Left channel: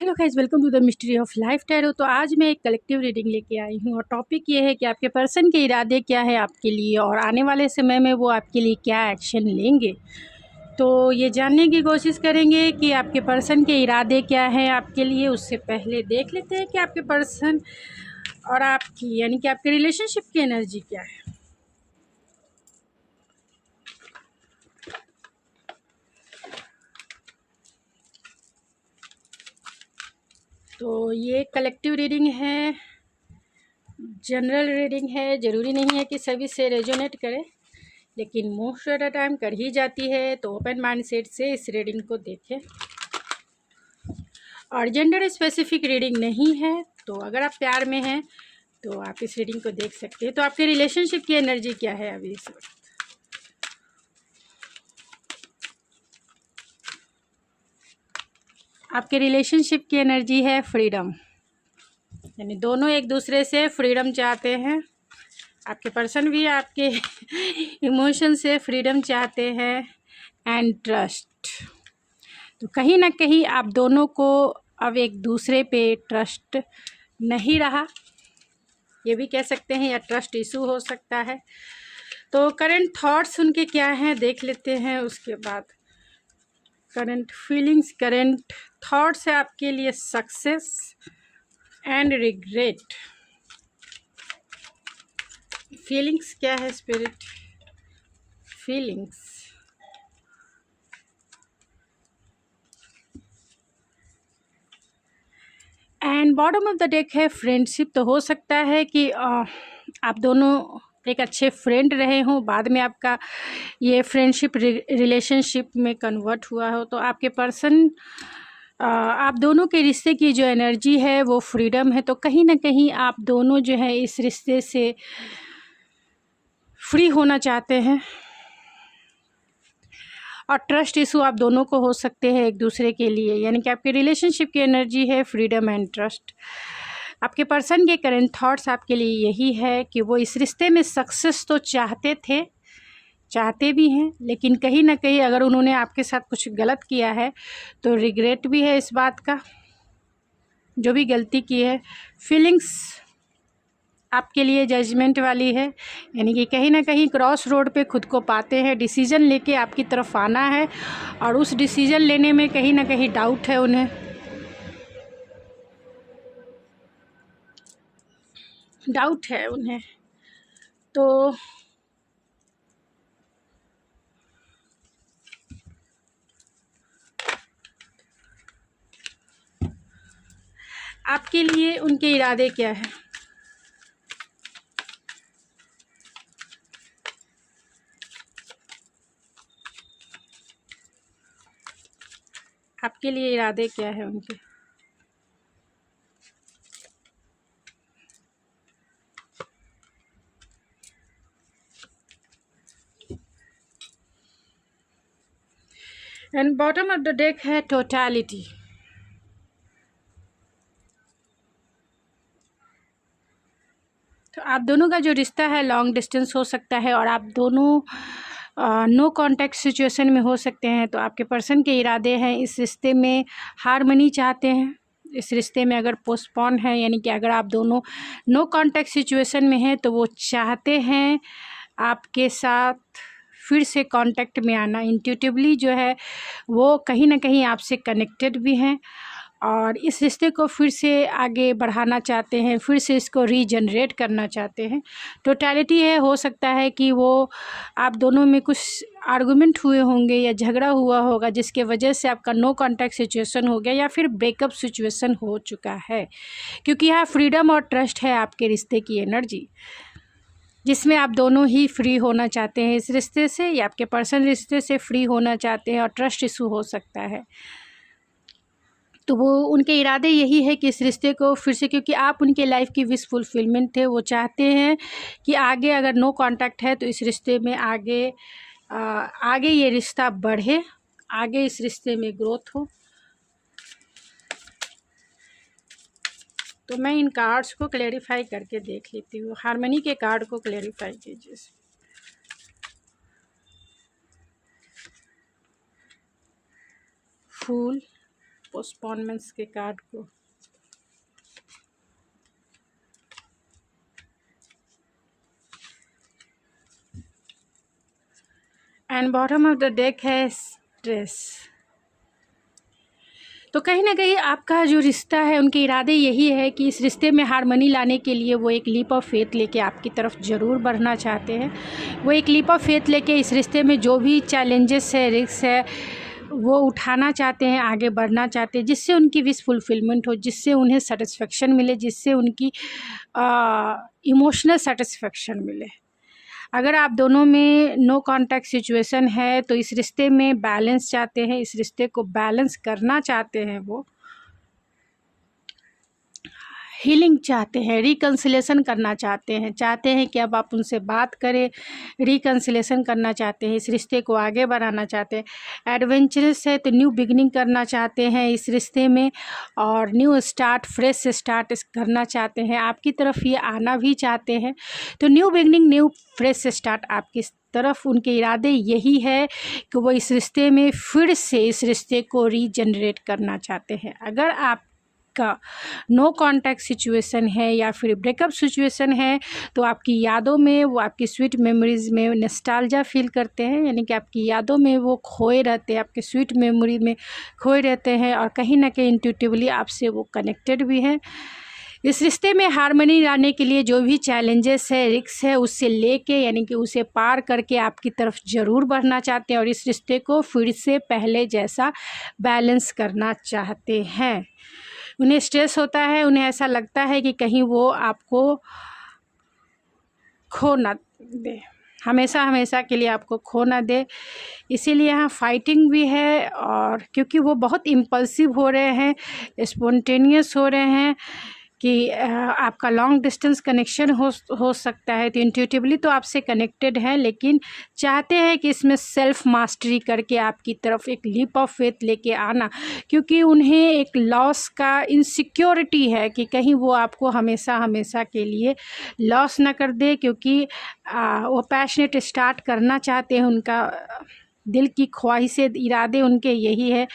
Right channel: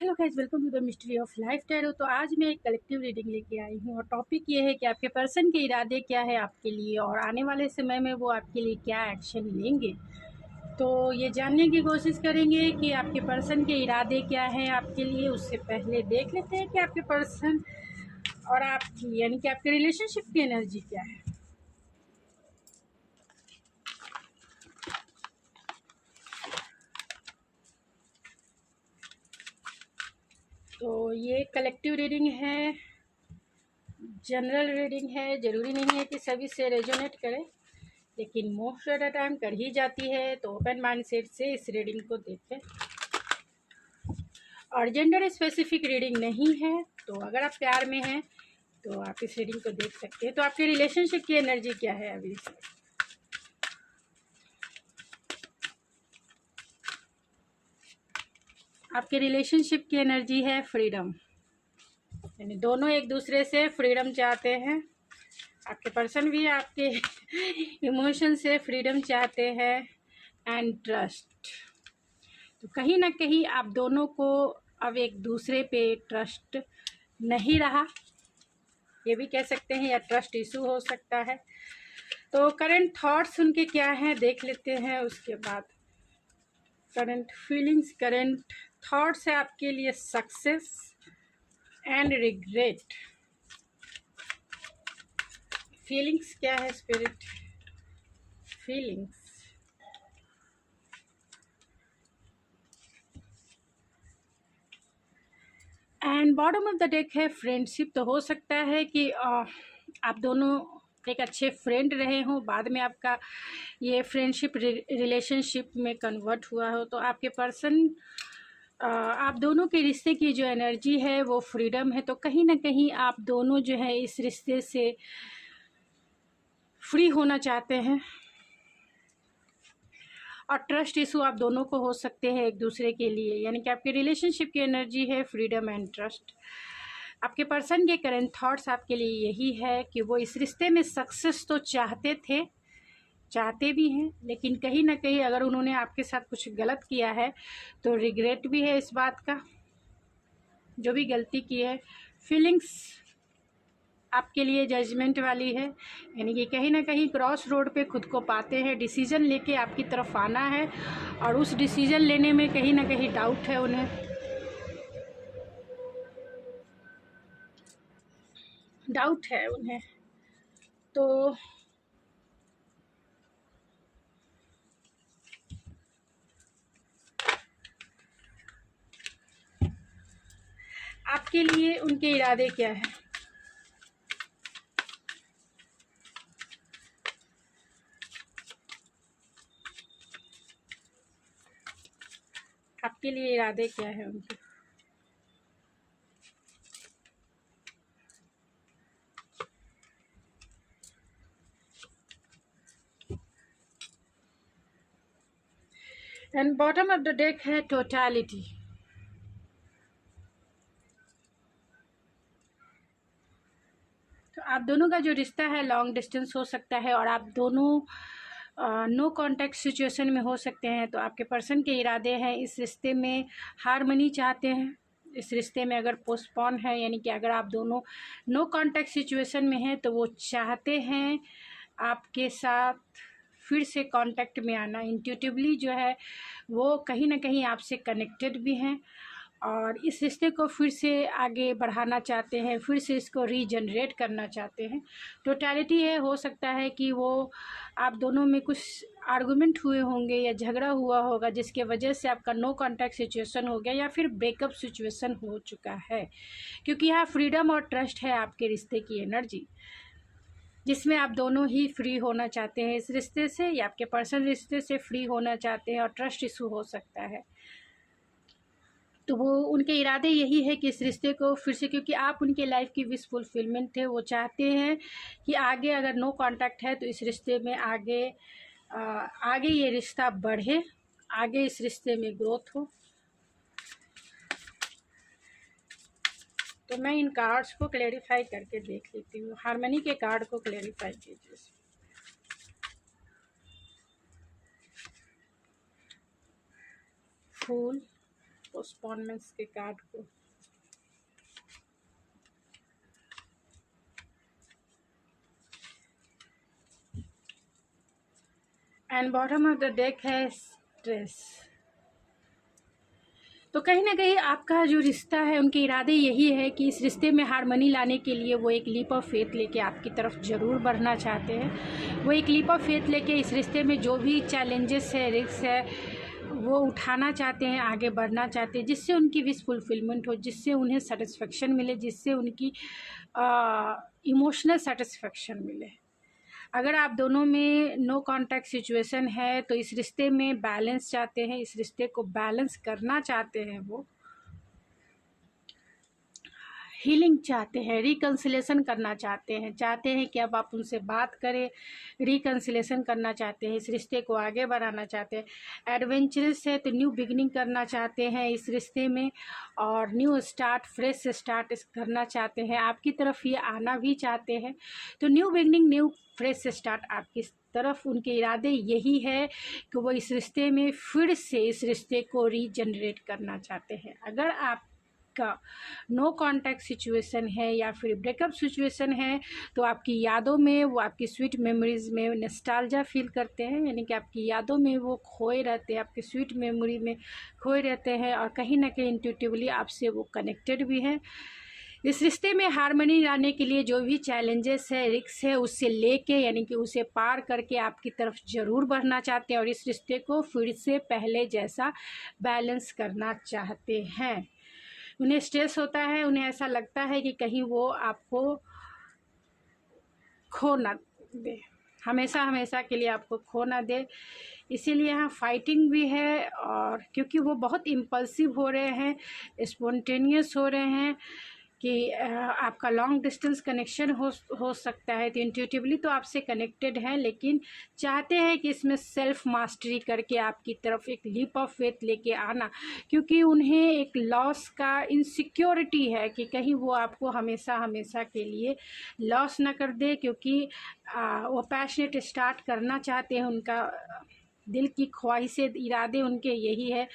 Hello guys, welcome to the mystery of life tarot. तो आज मैं एक कलेक्टिव रीडिंग लेके आई हूँ और टॉपिक ये है कि आपके पर्सन के इरादे क्या है आपके लिए और आने वाले समय में वो आपके लिए क्या एक्शन लेंगे। तो ये जानने की कोशिश करेंगे कि आपके पर्सन के इरादे क्या हैं आपके लिए। उससे पहले देख लेते हैं कि आपके पर्सन और आपकी यानी कि आपके रिलेशनशिप की एनर्जी क्या है। तो ये कलेक्टिव रीडिंग है, जनरल रीडिंग है। ज़रूरी नहीं है कि सभी से रेजोनेट करे, लेकिन मोस्ट ऑफ द टाइम कर ही जाती है। तो ओपन माइंड सेट से इस रीडिंग को देखें और जेंडर स्पेसिफिक रीडिंग नहीं है। तो अगर आप प्यार में हैं तो आप इस रीडिंग को देख सकते हैं। तो आपके रिलेशनशिप की एनर्जी क्या है अभी इस वक्त। आपके रिलेशनशिप की एनर्जी है फ्रीडम, यानी दोनों एक दूसरे से फ्रीडम चाहते हैं। आपके पर्सन भी आपके इमोशन से फ्रीडम चाहते हैं एंड ट्रस्ट। तो कहीं ना कहीं आप दोनों को अब एक दूसरे पे ट्रस्ट नहीं रहा, ये भी कह सकते हैं, या ट्रस्ट इशू हो सकता है। तो करंट थॉट्स उनके क्या हैं देख लेते हैं। उसके बाद करंट फीलिंग्स, करंट थॉट्स है आपके लिए सक्सेस एंड रिग्रेट। फीलिंग्स क्या है spirit, feelings. And bottom of the deck है फ्रेंडशिप। तो हो सकता है कि आप दोनों एक अच्छे फ्रेंड रहे हों, बाद में आपका ये फ्रेंडशिप रिलेशनशिप में कन्वर्ट हुआ हो। तो आपके पर्सन आप दोनों के रिश्ते की जो एनर्जी है वो फ्रीडम है। तो कहीं ना कहीं आप दोनों जो है इस रिश्ते से फ्री होना चाहते हैं और ट्रस्ट इशू आप दोनों को हो सकते हैं एक दूसरे के लिए, यानी कि आपके रिलेशनशिप की एनर्जी है फ्रीडम एंड ट्रस्ट। आपके पर्सन के करंट थॉट्स आपके लिए यही है कि वो इस रिश्ते में सक्सेस तो चाहते थे, चाहते भी हैं, लेकिन कहीं ना कहीं अगर उन्होंने आपके साथ कुछ गलत किया है तो रिग्रेट भी है इस बात का, जो भी गलती की है। फीलिंग्स आपके लिए जजमेंट वाली है, यानी कि कहीं ना कहीं क्रॉस रोड पे खुद को पाते हैं। डिसीजन लेके आपकी तरफ आना है और उस डिसीजन लेने में कहीं ना कहीं डाउट है उन्हें, डाउट है उन्हें। तो आपके लिए उनके इरादे क्या है। आपके लिए इरादे क्या है उनके। And bottom of the deck है टोटलिटी। तो आप दोनों का जो रिश्ता है लॉन्ग डिस्टेंस हो सकता है और आप दोनों नो कांटेक्ट सिचुएशन में हो सकते हैं। तो आपके पर्सन के इरादे हैं इस रिश्ते में हार्मनी चाहते हैं। इस रिश्ते में अगर पोस्टपोन है, यानी कि अगर आप दोनों नो कांटेक्ट सिचुएशन में हैं, तो वो चाहते हैं आपके साथ फिर से कांटेक्ट में आना। इंट्यूटिवली जो है वो कहीं ना कहीं आपसे कनेक्टेड भी हैं और इस रिश्ते को फिर से आगे बढ़ाना चाहते हैं, फिर से इसको रीजनरेट करना चाहते हैं। टोटलिटी है, हो सकता है कि वो आप दोनों में कुछ आर्गुमेंट हुए होंगे या झगड़ा हुआ होगा जिसके वजह से आपका नो कांटेक्ट सिचुएशन हो गया या फिर ब्रेकअप सिचुएशन हो चुका है, क्योंकि यहाँ फ्रीडम और ट्रस्ट है आपके रिश्ते की एनर्जी, जिसमें आप दोनों ही फ्री होना चाहते हैं इस रिश्ते से, या आपके पर्सन रिश्ते से फ्री होना चाहते हैं और ट्रस्ट इशू हो सकता है। तो वो उनके इरादे यही है कि इस रिश्ते को फिर से, क्योंकि आप उनके लाइफ की विश फुलफिलमेंट थे, वो चाहते हैं कि आगे अगर नो कांटेक्ट है तो इस रिश्ते में आगे ये रिश्ता बढ़े, आगे इस रिश्ते में ग्रोथ हो। तो मैं इन कार्ड्स को क्लेरिफाई करके देख लेती हूँ। हार्मनी के कार्ड को क्लेरिफाई कीजिए। फूल, पोस्टपोनमेंट्स के कार्ड को। And bottom of the deck है स्ट्रेस। तो कहीं ना कहीं आपका जो रिश्ता है, उनके इरादे यही है कि इस रिश्ते में हार्मनी लाने के लिए वो एक लीप ऑफ फेथ लेके आपकी तरफ ज़रूर बढ़ना चाहते हैं। वो एक लीप ऑफ फेथ लेके इस रिश्ते में जो भी चैलेंजेस है, रिस्क है, वो उठाना चाहते हैं, आगे बढ़ना चाहते हैं, जिससे उनकी विश फुलफिलमेंट हो, जिससे उन्हें सेटिस्फेक्शन मिले, जिससे उनकी इमोशनल सेटिस्फेक्शन मिले। अगर आप दोनों में नो कांटेक्ट सिचुएशन है तो इस रिश्ते में बैलेंस चाहते हैं, इस रिश्ते को बैलेंस करना चाहते हैं, वो हीलिंग चाहते हैं, रिकन्सिलेशन करना चाहते हैं कि अब आप उनसे बात करें, रिकन्सिलेशन करना चाहते हैं, इस रिश्ते को आगे बढ़ाना चाहते हैं। एडवेंचरस है तो न्यू बिगिनिंग करना चाहते हैं इस रिश्ते में, और न्यू स्टार्ट, फ्रेश स्टार्ट करना चाहते हैं, आपकी तरफ ये आना भी चाहते हैं। तो new beginning, new fresh start आपकी तरफ उनके इरादे यही है कि वो इस रिश्ते में फिर से इस रिश्ते को रीजनरेट करना चाहते हैं। अगर आप का नो कांटेक्ट सिचुएशन है या फिर ब्रेकअप सिचुएशन है तो आपकी यादों में, वो आपकी स्वीट मेमोरीज़ में नॉस्टैल्जिया फील करते हैं, यानी कि आपकी यादों में वो खोए रहते हैं, आपके स्वीट मेमोरी में खोए रहते हैं, और कहीं ना कहीं इंट्यूटिवली आपसे वो कनेक्टेड भी हैं। इस रिश्ते में हार्मनी लाने के लिए जो भी चैलेंजेस है, रिस्क है, उससे लेके यानी कि उसे पार करके आपकी तरफ ज़रूर बढ़ना चाहते हैं और इस रिश्ते को फिर से पहले जैसा बैलेंस करना चाहते हैं। उन्हें स्ट्रेस होता है, उन्हें ऐसा लगता है कि कहीं वो आपको खो ना दे, हमेशा हमेशा के लिए आपको खो ना दे, इसीलिए यहाँ फाइटिंग भी है। और क्योंकि वो बहुत इम्पल्सिव हो रहे हैं, स्पॉन्टेनियस हो रहे हैं कि आपका लॉन्ग डिस्टेंस कनेक्शन हो सकता है, तो इंट्यूटिवली तो आपसे कनेक्टेड हैं, लेकिन चाहते हैं कि इसमें सेल्फ मास्टरी करके आपकी तरफ एक लीप ऑफ फेथ लेके आना, क्योंकि उन्हें एक लॉस का इनसिक्योरिटी है कि कहीं वो आपको हमेशा हमेशा के लिए लॉस ना कर दे, क्योंकि वो पैशनेट स्टार्ट करना चाहते हैं, उनका दिल की ख्वाहिशें, इरादे उनके यही है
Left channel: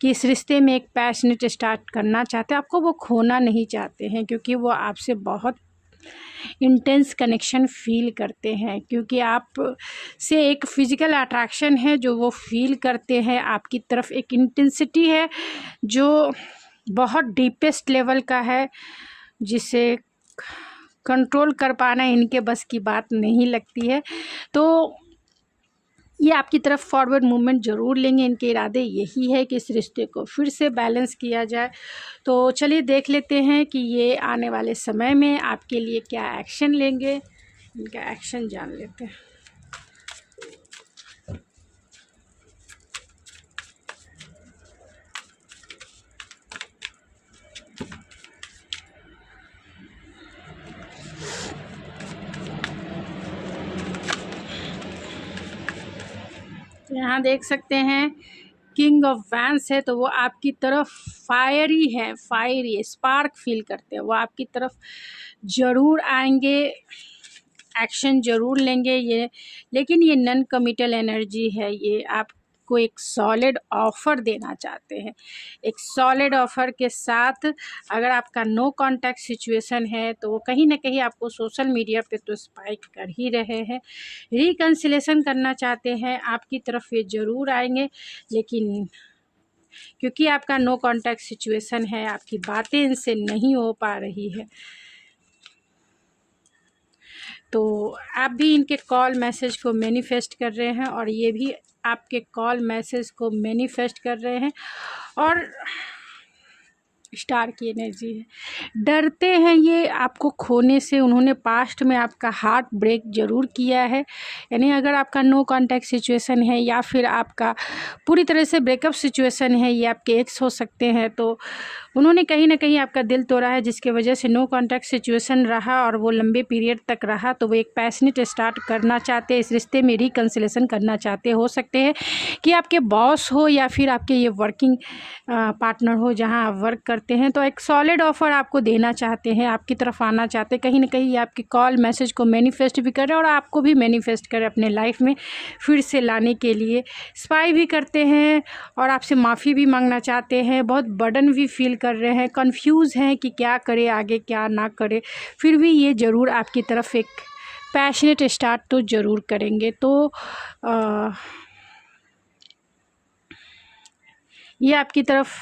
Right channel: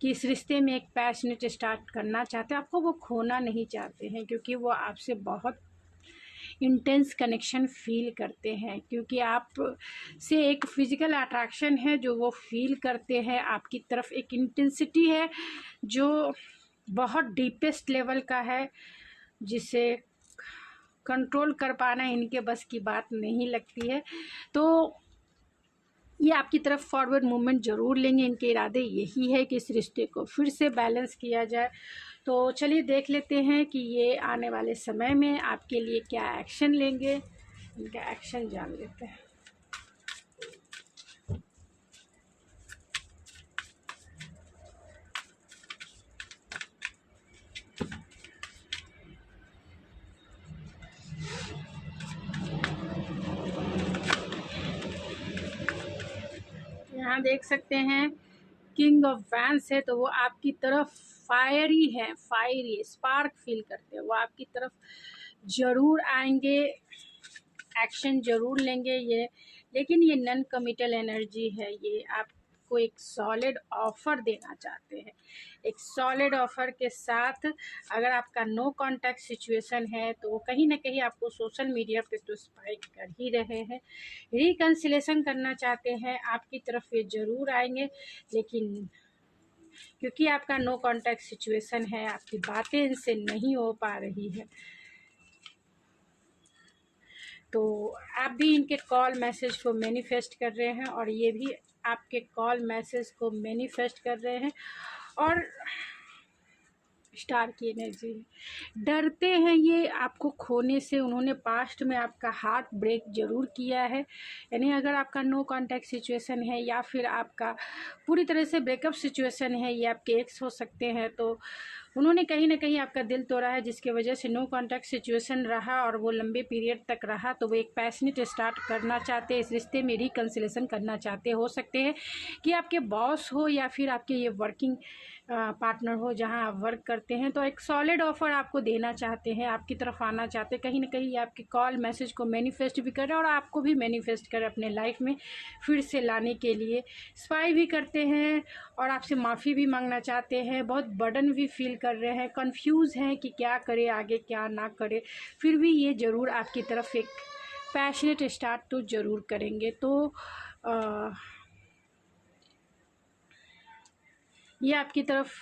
कि इस रिश्ते में एक पैशनेट स्टार्ट करना चाहते हैं, आपको वो खोना नहीं चाहते हैं, क्योंकि वो आपसे बहुत इंटेंस कनेक्शन फील करते हैं, क्योंकि आप से एक फ़िज़िकल अट्रैक्शन है जो वो फील करते हैं, आपकी तरफ एक इंटेंसिटी है जो बहुत डीपेस्ट लेवल का है, जिसे कंट्रोल कर पाना इनके बस की बात नहीं लगती है। तो ये आपकी तरफ फॉरवर्ड मूवमेंट ज़रूर लेंगे, इनके इरादे यही है कि इस रिश्ते को फिर से बैलेंस किया जाए। तो चलिए देख लेते हैं कि ये आने वाले समय में आपके लिए क्या एक्शन लेंगे, इनका एक्शन जान लेते हैं। यहाँ देख सकते हैं किंग ऑफ वैंस है, तो वो आपकी तरफ फायरी है, फायरी स्पार्क फील करते हैं, वो आपकी तरफ ज़रूर आएंगे, एक्शन ज़रूर लेंगे ये, लेकिन ये नॉन कमिटल एनर्जी है, ये आपको एक सॉलिड ऑफ़र देना चाहते हैं। एक सॉलिड ऑफ़र के साथ अगर आपका नो कांटेक्ट सिचुएशन है तो वो कहीं ना कहीं आपको सोशल मीडिया पे तो स्पाइक कर ही रहे हैं, रिकन्सिलेशन करना चाहते हैं, आपकी तरफ ये ज़रूर आएंगे, लेकिन क्योंकि आपका नो कांटेक्ट सिचुएशन है, आपकी बातें इनसे नहीं हो पा रही है, तो आप भी इनके कॉल मैसेज को मैनिफेस्ट कर रहे हैं और ये भी आपके कॉल मैसेज को मैनिफेस्ट कर रहे हैं। और स्टार की एनर्जी है, डरते हैं ये आपको खोने से, उन्होंने पास्ट में आपका हार्ट ब्रेक ज़रूर किया है, यानी अगर आपका नो कांटेक्ट सिचुएशन है या फिर आपका पूरी तरह से ब्रेकअप सिचुएशन है, ये आपके एक्स हो सकते हैं, तो उन्होंने कहीं ना कहीं आपका दिल तोड़ा है, जिसके वजह से नो कॉन्टैक्ट सिचुएशन रहा और वो लंबे पीरियड तक रहा। तो वो एक पैशनेट स्टार्ट करना चाहते हैं, इस रिश्ते में रिकन्सिलेशन करना चाहते। हो सकते हैं कि आपके बॉस हो या फिर आपके ये वर्किंग पार्टनर हो जहां आप वर्क करते हैं, तो एक सॉलिड ऑफर आपको देना चाहते हैं, आपकी तरफ आना चाहते हैं। कहीं ना कहीं आपके कॉल मैसेज को मैनिफेस्ट भी कर रहे हैं और आपको भी मैनिफेस्ट करें अपने लाइफ में फिर से लाने के लिए। स्पाई भी करते हैं और आपसे माफ़ी भी मांगना चाहते हैं, बहुत बर्डन भी फील कर रहे हैं, कंफ्यूज हैं कि क्या करे आगे क्या ना करे। फिर भी ये ज़रूर आपकी तरफ एक पैशनेट स्टार्ट तो ज़रूर करेंगे। तो ये आपकी तरफ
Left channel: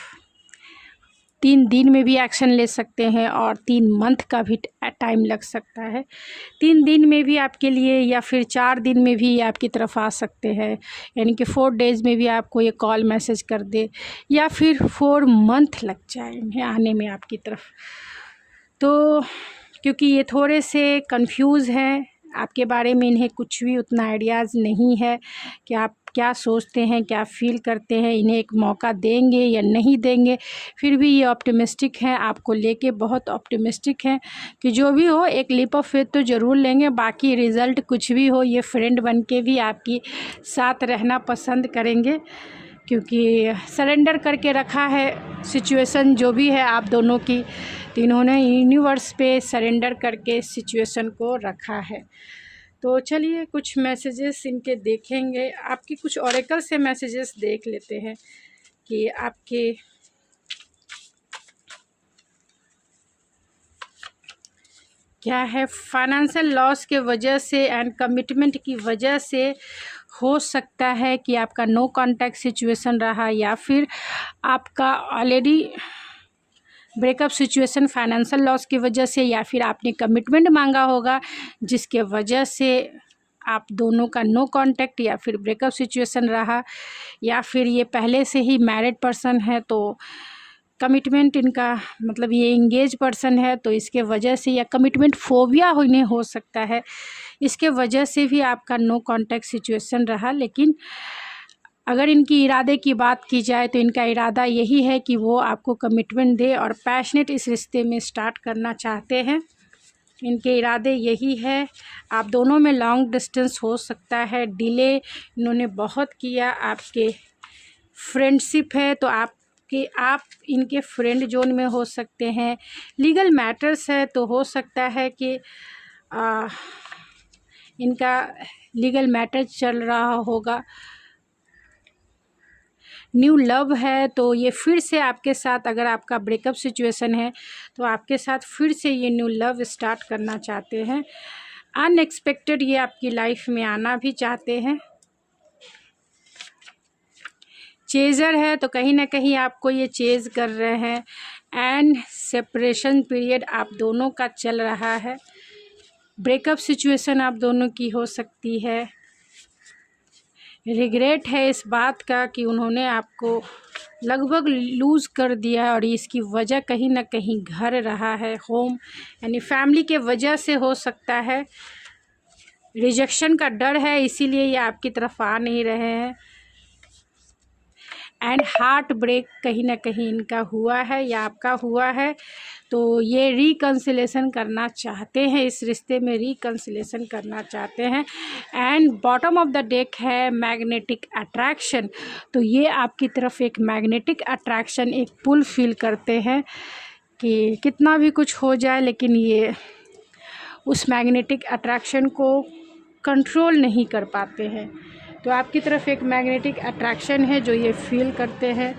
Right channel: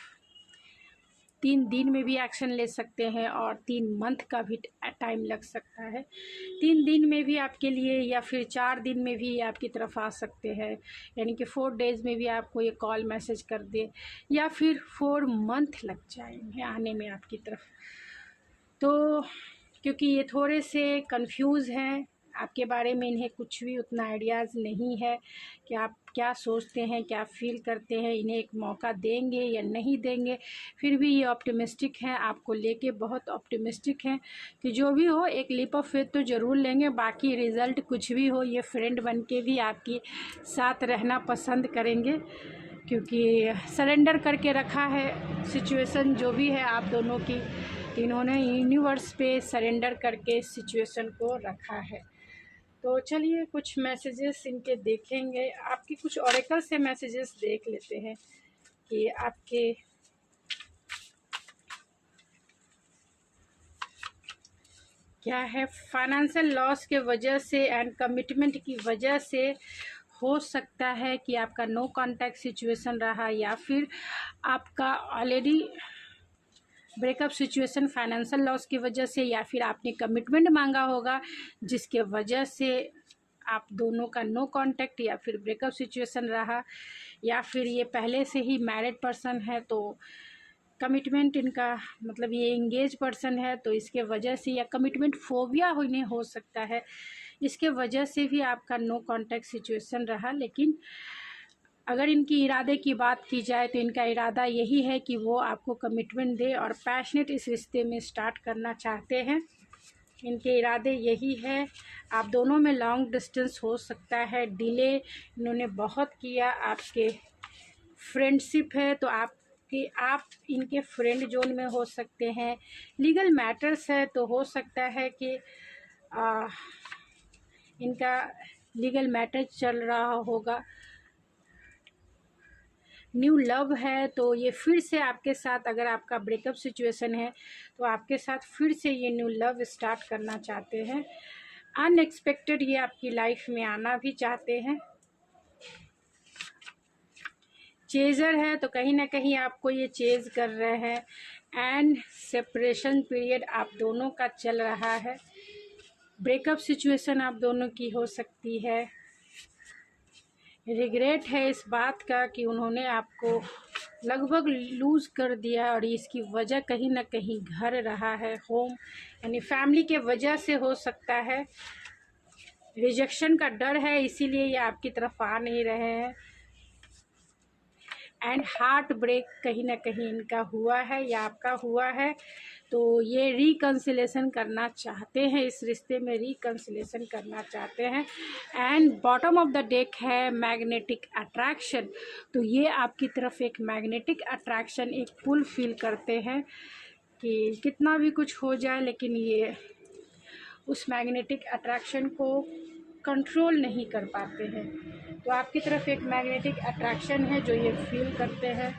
3 दिन में भी एक्शन ले सकते हैं और 3 मंथ का भी टाइम लग सकता है। 3 दिन में भी आपके लिए या फिर 4 दिन में भी आपकी तरफ आ सकते हैं, यानी कि 4 डेज़ में भी आपको ये कॉल मैसेज कर दे, या फिर 4 मंथ लग जाएंगे आने में आपकी तरफ। तो क्योंकि ये थोड़े से कंफ्यूज हैं आपके बारे में, इन्हें कुछ भी उतना आइडियाज़ नहीं है कि आप क्या सोचते हैं, क्या फ़ील करते हैं, इन्हें एक मौका देंगे या नहीं देंगे। फिर भी ये ऑप्टिमिस्टिक हैं, आपको लेके बहुत ऑप्टिमिस्टिक हैं कि जो भी हो एक लीप ऑफ फेथ तो ज़रूर लेंगे। बाकी रिज़ल्ट कुछ भी हो, ये फ्रेंड बन के भी आपकी साथ रहना पसंद करेंगे, क्योंकि सरेंडर करके रखा है सिचुएशन जो भी है आप दोनों की। तो इन्होंने यूनिवर्स पे सरेंडर करके सिचुएशन को रखा है। तो चलिए कुछ मैसेजेस इनके देखेंगे, आपकी कुछ ऑरेकल से मैसेजेस देख लेते हैं कि आपके क्या है। फाइनेंशियल लॉस के वजह से एंड कमिटमेंट की वजह से हो सकता है कि आपका नो कॉन्टैक्ट सिचुएशन रहा, या फिर आपका already breakup situation financial loss की वजह से, या फिर आपने कमिटमेंट मांगा होगा जिसके वजह से आप दोनों का नो कांटेक्ट या फिर ब्रेकअप सिचुएशन रहा, या फिर ये पहले से ही मैरिड पर्सन है तो कमिटमेंट इनका मतलब ये इंगेज पर्सन है, तो इसके वजह से या कमिटमेंट फोबिया होने हो सकता है, इसके वजह से भी आपका नो कांटेक्ट सिचुएशन रहा। लेकिन अगर इनकी इरादे की बात की जाए तो इनका इरादा यही है कि वो आपको कमिटमेंट दे और पैशनेट इस रिश्ते में स्टार्ट करना चाहते हैं। इनके इरादे यही है। आप दोनों में लॉन्ग डिस्टेंस हो सकता है, डिले इन्होंने बहुत किया। आपके फ्रेंडशिप है तो आप इनके फ्रेंड जोन में हो सकते हैं। लीगल मैटर्स है तो हो सकता है कि इनका लीगल मैटर चल रहा होगा। न्यू लव है तो ये फिर से आपके साथ, अगर आपका ब्रेकअप सिचुएशन है तो आपके साथ फिर से ये न्यू लव स्टार्ट करना चाहते हैं। अनएक्सपेक्टेड ये आपकी लाइफ में आना भी चाहते हैं। चेज़र है तो कहीं ना कहीं आपको ये चेज़ कर रहे हैं। एंड सेपरेशन पीरियड आप दोनों का चल रहा है। ब्रेकअप सिचुएशन आप दोनों की हो सकती है। रिग्रेट है इस बात का कि उन्होंने आपको लगभग लूज़ कर दिया है और इसकी वजह कहीं ना कहीं घर रहा है, होम यानी फैमिली के वजह से हो सकता है। रिजेक्शन का डर है इसीलिए ये आपकी तरफ आ नहीं रहे हैं। एंड हार्ट ब्रेक कहीं ना कहीं इनका हुआ है या आपका हुआ है, तो ये रिकन्सिलेशन करना चाहते हैं, इस रिश्ते में रिकन्सिलेशन करना चाहते हैं। And bottom of the deck है मैग्नेटिक अट्रैक्शन, तो ये आपकी तरफ एक मैग्नेटिक अट्रैक्शन, एक पुल फील करते हैं कि कितना भी कुछ हो जाए लेकिन ये उस मैग्नेटिक अट्रैक्शन को कंट्रोल नहीं कर पाते हैं। तो आपकी तरफ एक मैग्नेटिक अट्रैक्शन है जो ये फील करते हैं।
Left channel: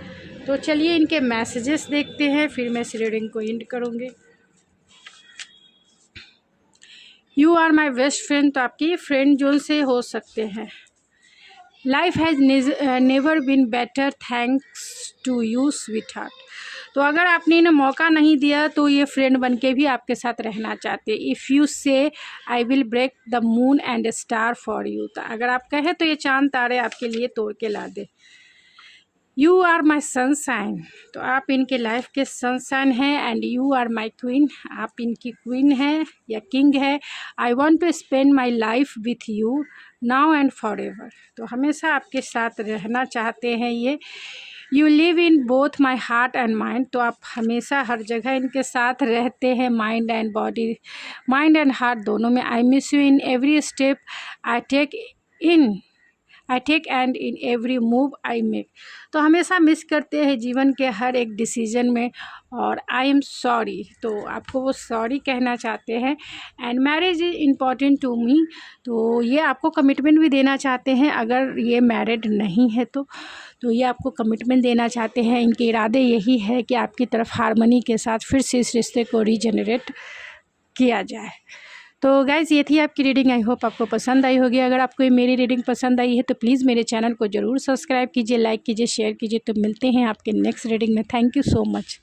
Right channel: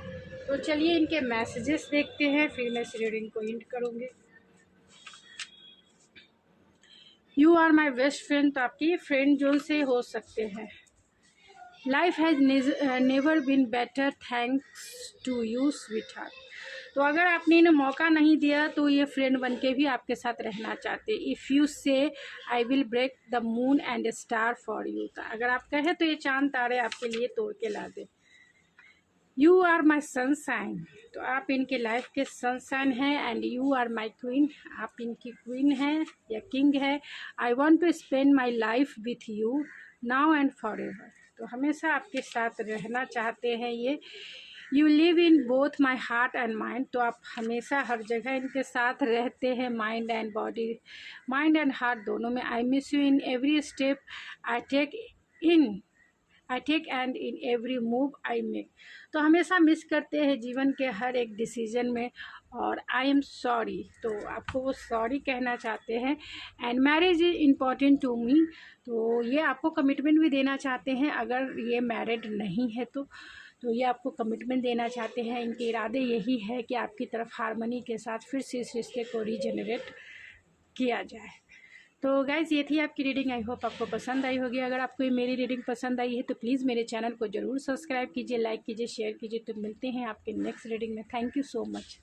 तो चलिए इनके मैसेजेस देखते हैं, फिर मैं इस रीडिंग को एंड करूँगी। You are my best friend, तो आपकी फ्रेंड जोन से हो सकते हैं। Life has never been better thanks to you sweetheart, तो अगर आपने इन्हें मौका नहीं दिया तो ये फ्रेंड बन के भी आपके साथ रहना चाहते। If you say I will break the moon and star for you, तो अगर आप कहें तो ये चांद तारे आपके लिए तोड़ के ला दे। यू आर माई सनशाइन, तो आप इनके लाइफ के सनशाइन हैं। And you are my queen, आप इनकी क्वीन हैं या किंग है। I want to spend my life with you now and forever, तो हमेशा आपके साथ रहना चाहते हैं ये you live in both my heart and mind, तो आप हमेशा हर जगह इनके साथ रहते हैं, mind and body, mind and heart दोनों में। I miss you in every step I take and in every move I make, तो हमेशा मिस करते हैं जीवन के हर एक डिसीजन में। और आई एम सॉरी, तो आपको वो सॉरी कहना चाहते हैं। And marriage is important to me, तो ये आपको कमिटमेंट भी देना चाहते हैं, अगर ये मैरिड नहीं है तो ये आपको कमिटमेंट देना चाहते हैं। इनके इरादे यही है कि आपकी तरफ हारमनी के साथ फिर से इस रिश्ते को रीजनरेट किया जाए। तो गाइज़ ये थी आपकी रीडिंग, आई होप आपको पसंद आई होगी। अगर आपको ये मेरी रीडिंग पसंद आई है तो प्लीज़ मेरे चैनल को ज़रूर सब्सक्राइब कीजिए, लाइक कीजिए, शेयर कीजिए। तो मिलते हैं आपके नेक्स्ट रीडिंग में। Thank you so much.